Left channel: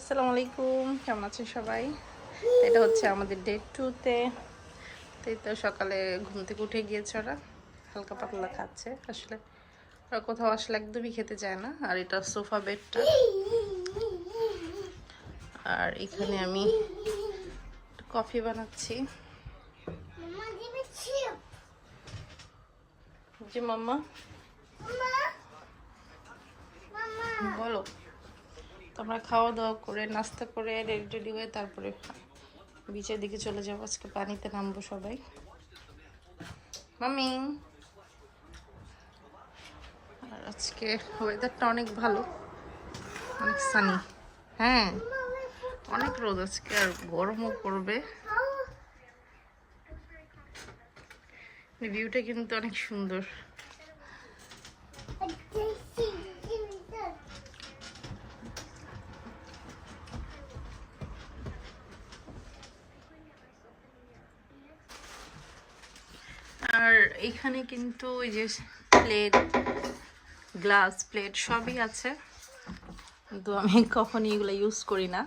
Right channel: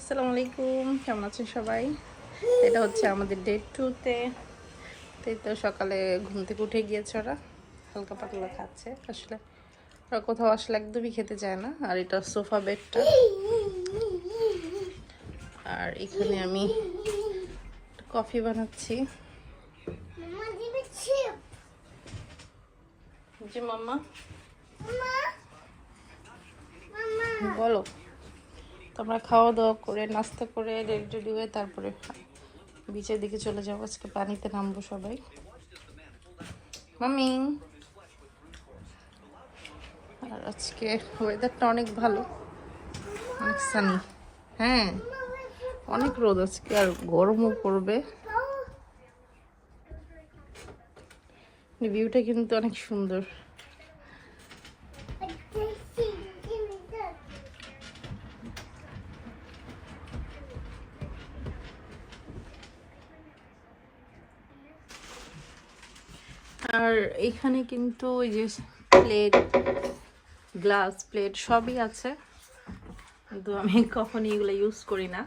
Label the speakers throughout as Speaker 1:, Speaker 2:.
Speaker 1: আসসালামু আলাইকুম কেমন আছেন সবাই? এটা হচ্ছে আমাদের ডে টুতে তাই তো সকালে ঘুম থেকে উঠে গিয়েছে ওরা, হালকা পাতলা খাচ্ছে। আসলে ওরা কোথাও আসলে একদমই খেতে চায় না, আর এটা সোফা বেডটা। আর এখানে আমি কফি বানাচ্ছি. জি মাম্মা. বলো। তোমরা খাওয়া দাওয়া করে, নাস্তা করে, রেডি হয়ে তারপরে বিচের দিকে চলে যাব। আজকে পানিতে নামবো সবাই। মামি আর আজকে ওয়েদারটা অনেক ভালো। অনেক সানি হ্যাঁ অনেক রোদ আজকে, আর গরমও পড়বে। ভিউটা কিন্তু অনেক সুন্দর। এখানে কিন্তু ওই যে প্লেট গ্লাস প্লেট সবই আছে। কিন্তু আমি কখনই এগুলো ইউজ করি না।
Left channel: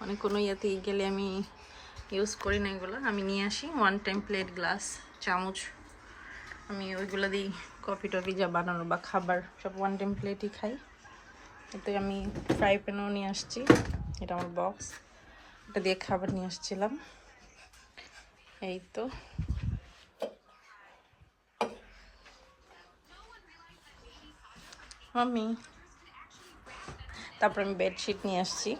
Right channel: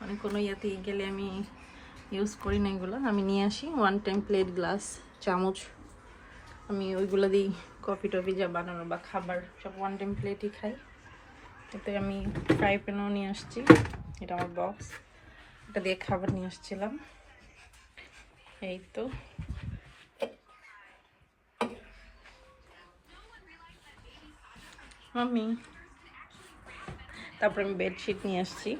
Speaker 1: মানে কোনো ইয়েতে গেলে আমি ইউজ করি না এগুলো। আমি নিয়ে আসি ওয়ান টাইম প্লেট গ্লাস চামচ। আমি ওইগুলো দিই কফি টফি যা বানানো বা খাবার, সব ওয়ান টাইম প্লেটই খাই। এতে আমি ফ্রাই প্যানও নিয়ে আসছি। এটা আমার বক্স এটা দিয়ে খাবার নিয়ে আসছিলাম। এই তো। মাম্মি তারপর আমি বেডশিট নিয়ে আসছি।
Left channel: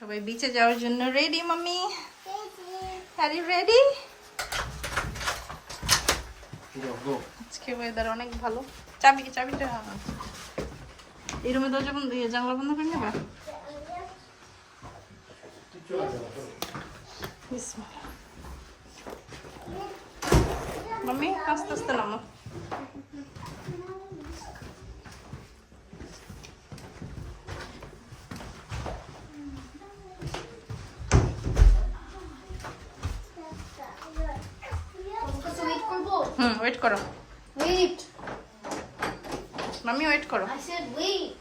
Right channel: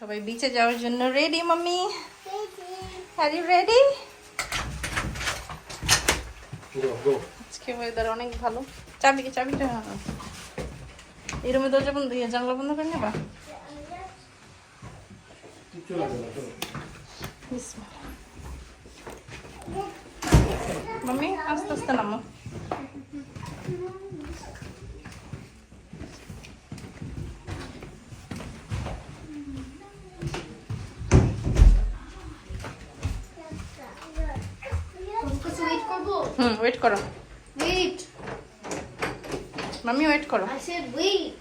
Speaker 1: সবাই বিচে যাওয়ার জন্য ready mummy are you ready আজকে ওয়েদার অনেক ভালো। চাবি কি চাবিটা এই রুমে দরজা বন্ধ জানলা বন্ধ করে নেবা? মাম্মি আস্তে আস্তে নামো হুম ওয়েট করো
Speaker 2: wait
Speaker 1: মাম্মি ওয়েট করো
Speaker 2: wait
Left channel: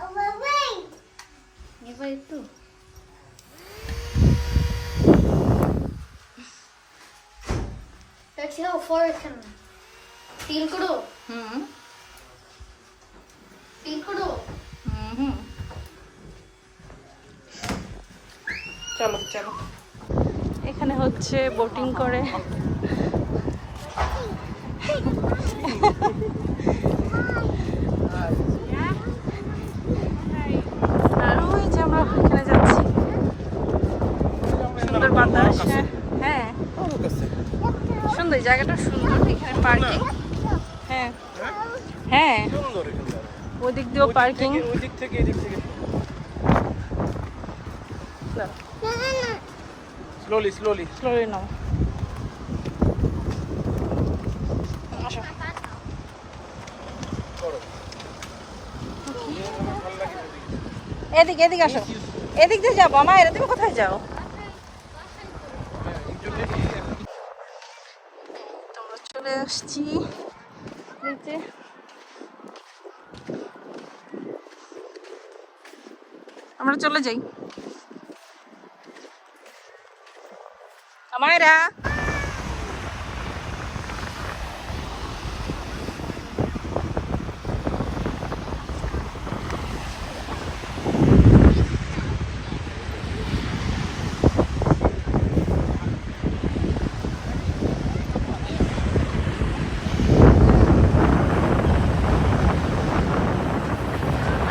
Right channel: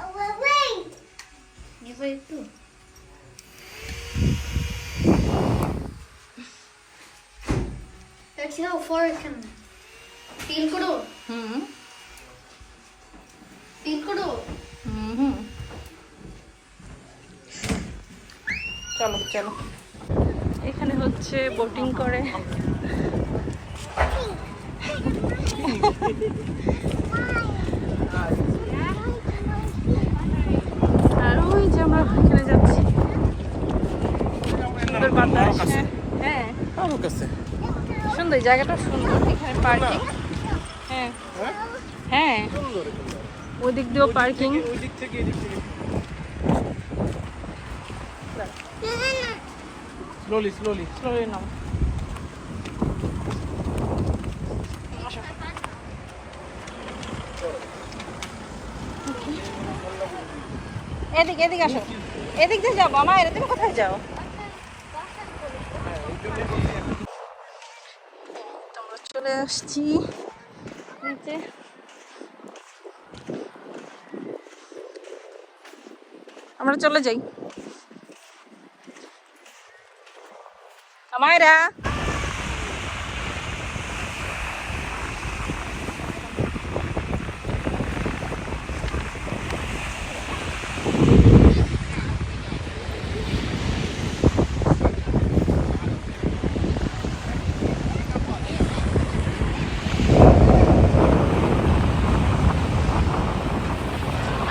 Speaker 2: oh well, wait you far I can feel করো
Speaker 1: হুম
Speaker 2: feel করো
Speaker 1: হুম চলো চলো এখানে হচ্ছে বোটিং করে। আর ওই যে আমরা এখানে যাচ্ছি। সুন্দর বাতাস হ্যাঁ। সুন্দর জায়গাটা সুন্দর এখানে পার্কিং হ্যাঁ। হ্যাঁ। ওই দিক দিয়েও পার্কিং
Speaker 3: স্লোলি স্লোলি
Speaker 1: স্লোলি নাও। এদিক এদিক আসো। এদিক দিয়ে যাব। না এটা তুমি কোথায় যাও? চলে আসছি। নিচে। আমরা চলে যাই। আমায়রা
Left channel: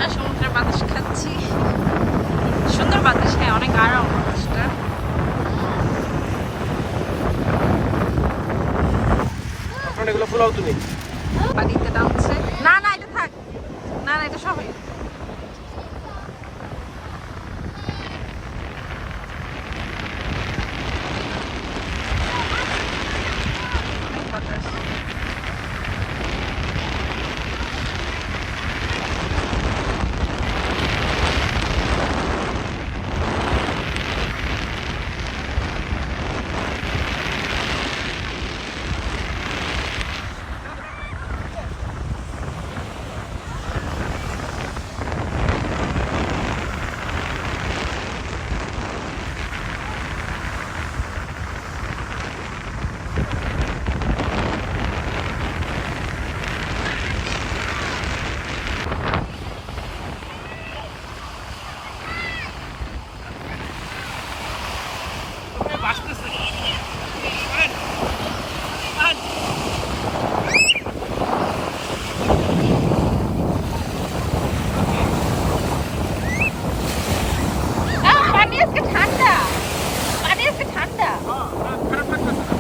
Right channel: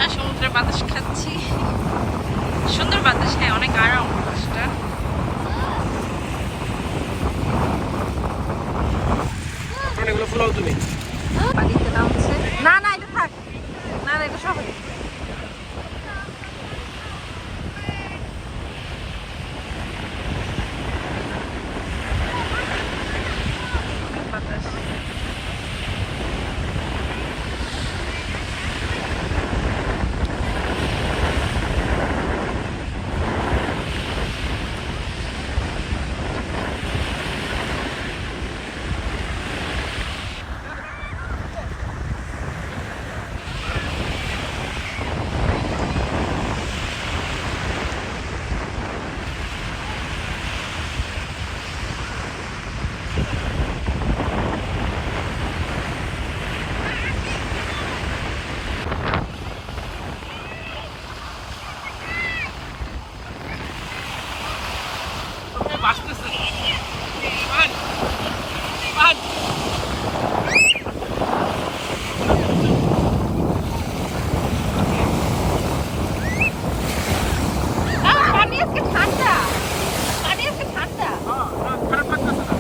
Speaker 1: আর সমুদ্রের বাতাস খাচ্ছি সুন্দর বাতাস নেই অনেক আরাম বাতাসটা। পানিতে নামছে। না না এটা থাক। না না এটা সবাই।
Speaker 3: আসতেছে পান পান
Speaker 1: পানি আজকে ঠান্ডা পানি আজকে ঠান্ডা
Speaker 3: খারাপ লাগতেছে না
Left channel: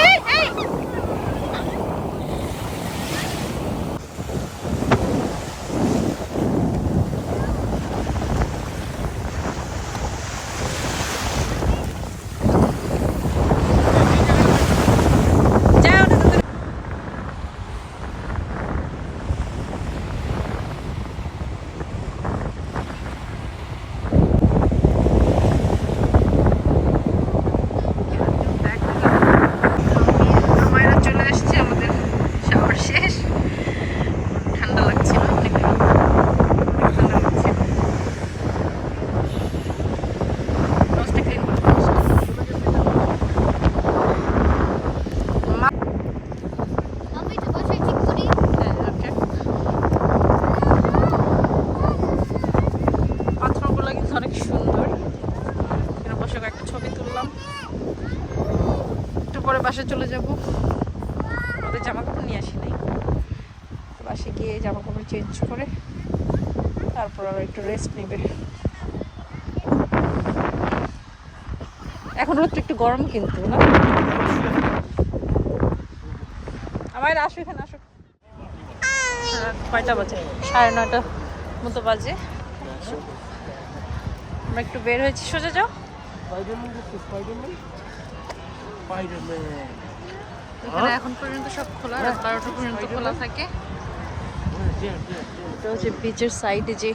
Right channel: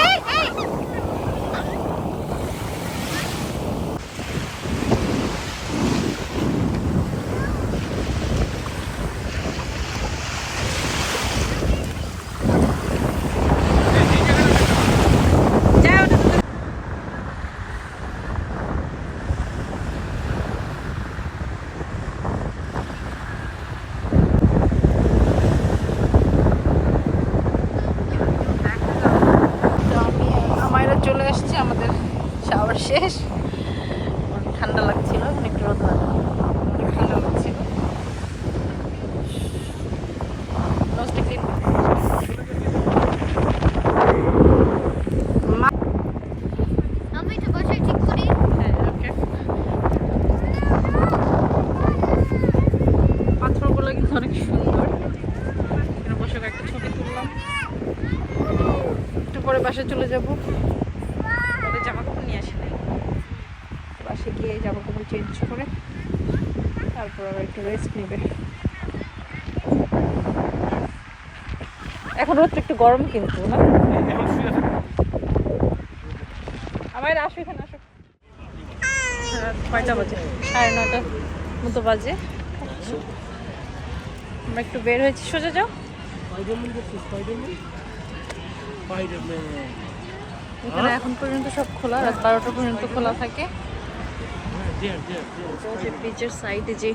Speaker 1: এই, এই। যাও না। আমারও চলে আসছে আমাদের শাওয়ার শেষ ঠান্ডা লাগছিল অনেক রোদ ঠান্ডা লাগছিল রোজটা ক্লিন করতে মা-
Speaker 2: আমি তো বাসায় ঠিক করি
Speaker 1: হ্যাঁ, okay. পাথরগুলো কিন্তু অনেক সুন্দর এখানে বসে চলে যাব ওদের জামা কাপড় নিয়ে আসি নাই বাসে গিয়ে জামা কাপড় চেঞ্জ করে, তারপর আবার একটু রেস্ট নেবে। এখন রোদটা একটু গরম কিন্তু, না? আমার আসো এখানে, আসো। রাত কয়টা বাজে? সাড়ে নটা মতো বাজে। আমরা একটু বের হয়েছি, সোজা যাও। এখানে এখন পর্যন্ত সব খোলা, রাত বারোটা পর্যন্ত খোলা থাকে। বিচের সাইডে যে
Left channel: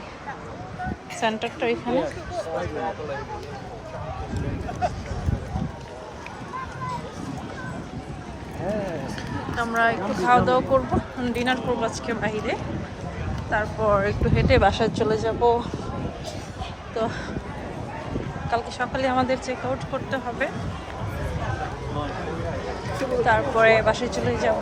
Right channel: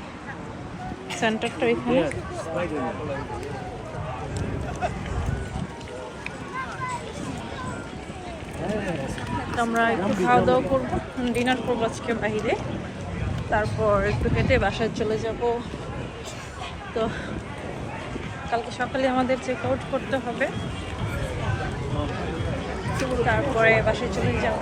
Speaker 1: সেন্টারটা এখানে। আমরা একটু খাওয়া দাওয়া করব। ডিনার করব আজকে বাইরে তারপর একটু হেঁটে বাসায় চলে যাব। তো কালকে সকালে আমাদের চেক আউট করতে হবে। তারপরে বাসায় চলে যাব।